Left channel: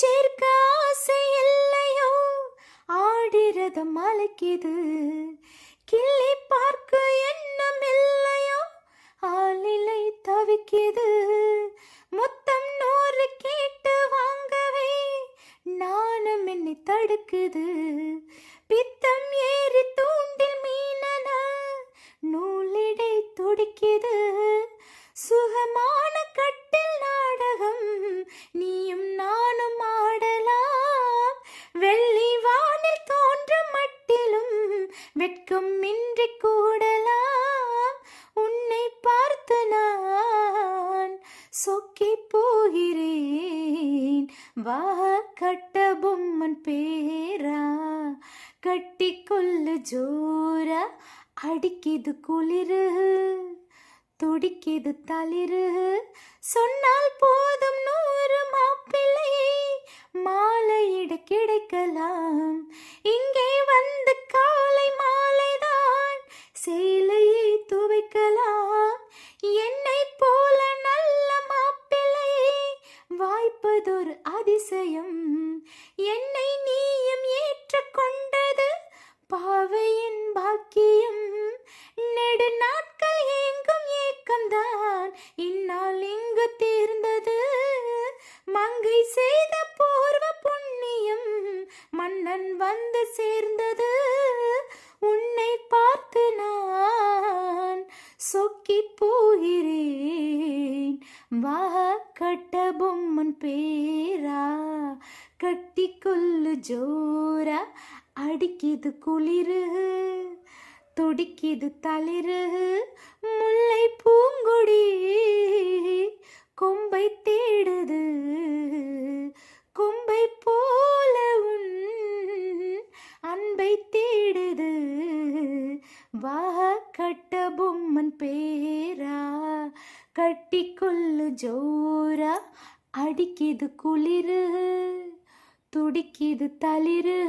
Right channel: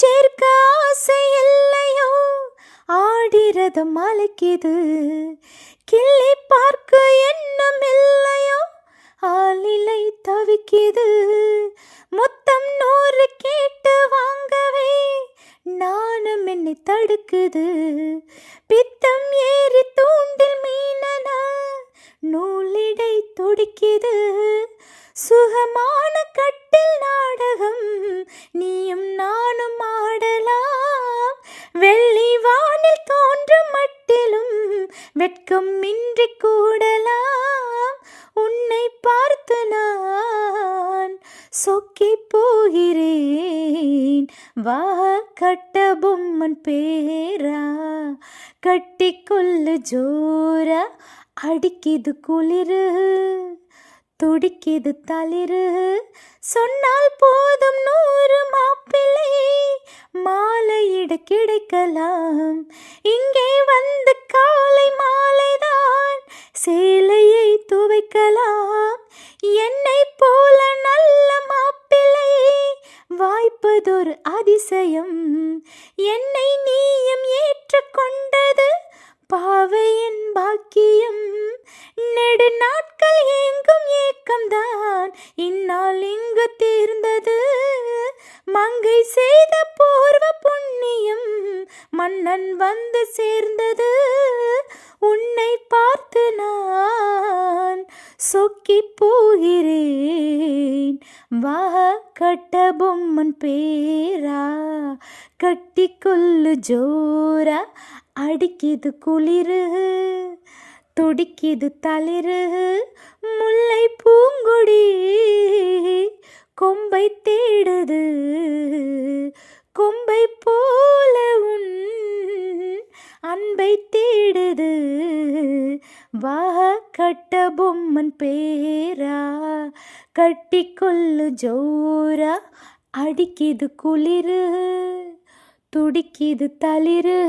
சேர்க்க ஆசை இல்லையோ, ஆடிரதம் அழைக்குது. கிள்ளி பார்க்க எண்ணம் இல்லையோ, ஆளிலை தவிக்குது. மொத்தம் 100 கேட்டு வாங்கவே நானும் என்னை தடுக்குது. பித்தம் ஏறி தூண்டில் மீனன நூலிடை துடிக்குது. சுகமான கட்டில் நாடகம் நீயும் நானும் ஆடலாம். வெள்ளி வானில் தோன்றும் மட்டிலும் வெட்கம் இன்றி கூடலாம். உன்னை பார்த்து நான் சொக்கி போகிறேன். வா கட்ட பொம்மன் பேரா, கட்டிக்கொள்ளு ஜோரா. அடிக்குது குளிரு, துடிக்குது தளிரு. சொன்னால் போதும் 100 மாப்பிள்ளை மாலையிட கிடைக்கலாம். இங்கே வந்து காலை மாலைதான் சேலையை துவைக்கலாம். என்னை போல நல்ல மாப்பிள்ளை வாய்ப்பதொரு அதிசயம். என்னை நீயும் ஏற்றுக்கொண்டது பாவையின் பாக்கியம். நெடு நாட்கள் ஏங்கும் ஏக்கம்தான் இந்நாள் இங்கு தீர்ந்தது. மங்கை செய்த பூர்வ புண்ணியம் மன்னன் வந்து சேர்ந்தது. உன்னை பார்த்து நான் சொக்கி போகிறேன். வா கட்ட பொம்மன் பேரா, கட்டிக்கொள்ளு ஜோரா. அடிக்குது குளிரு, துடிக்குது தளிரு. முல்லை பூங்கொடி கொம்பை தேடுது. கொம்பை போல உன் அன்பை தேடுது. வா கட்ட பொம்மன் பேரா, கட்டிக்கொள்ளு ஜோரா. அடிக்குது குளிரு, துடிக்குது தளிரு.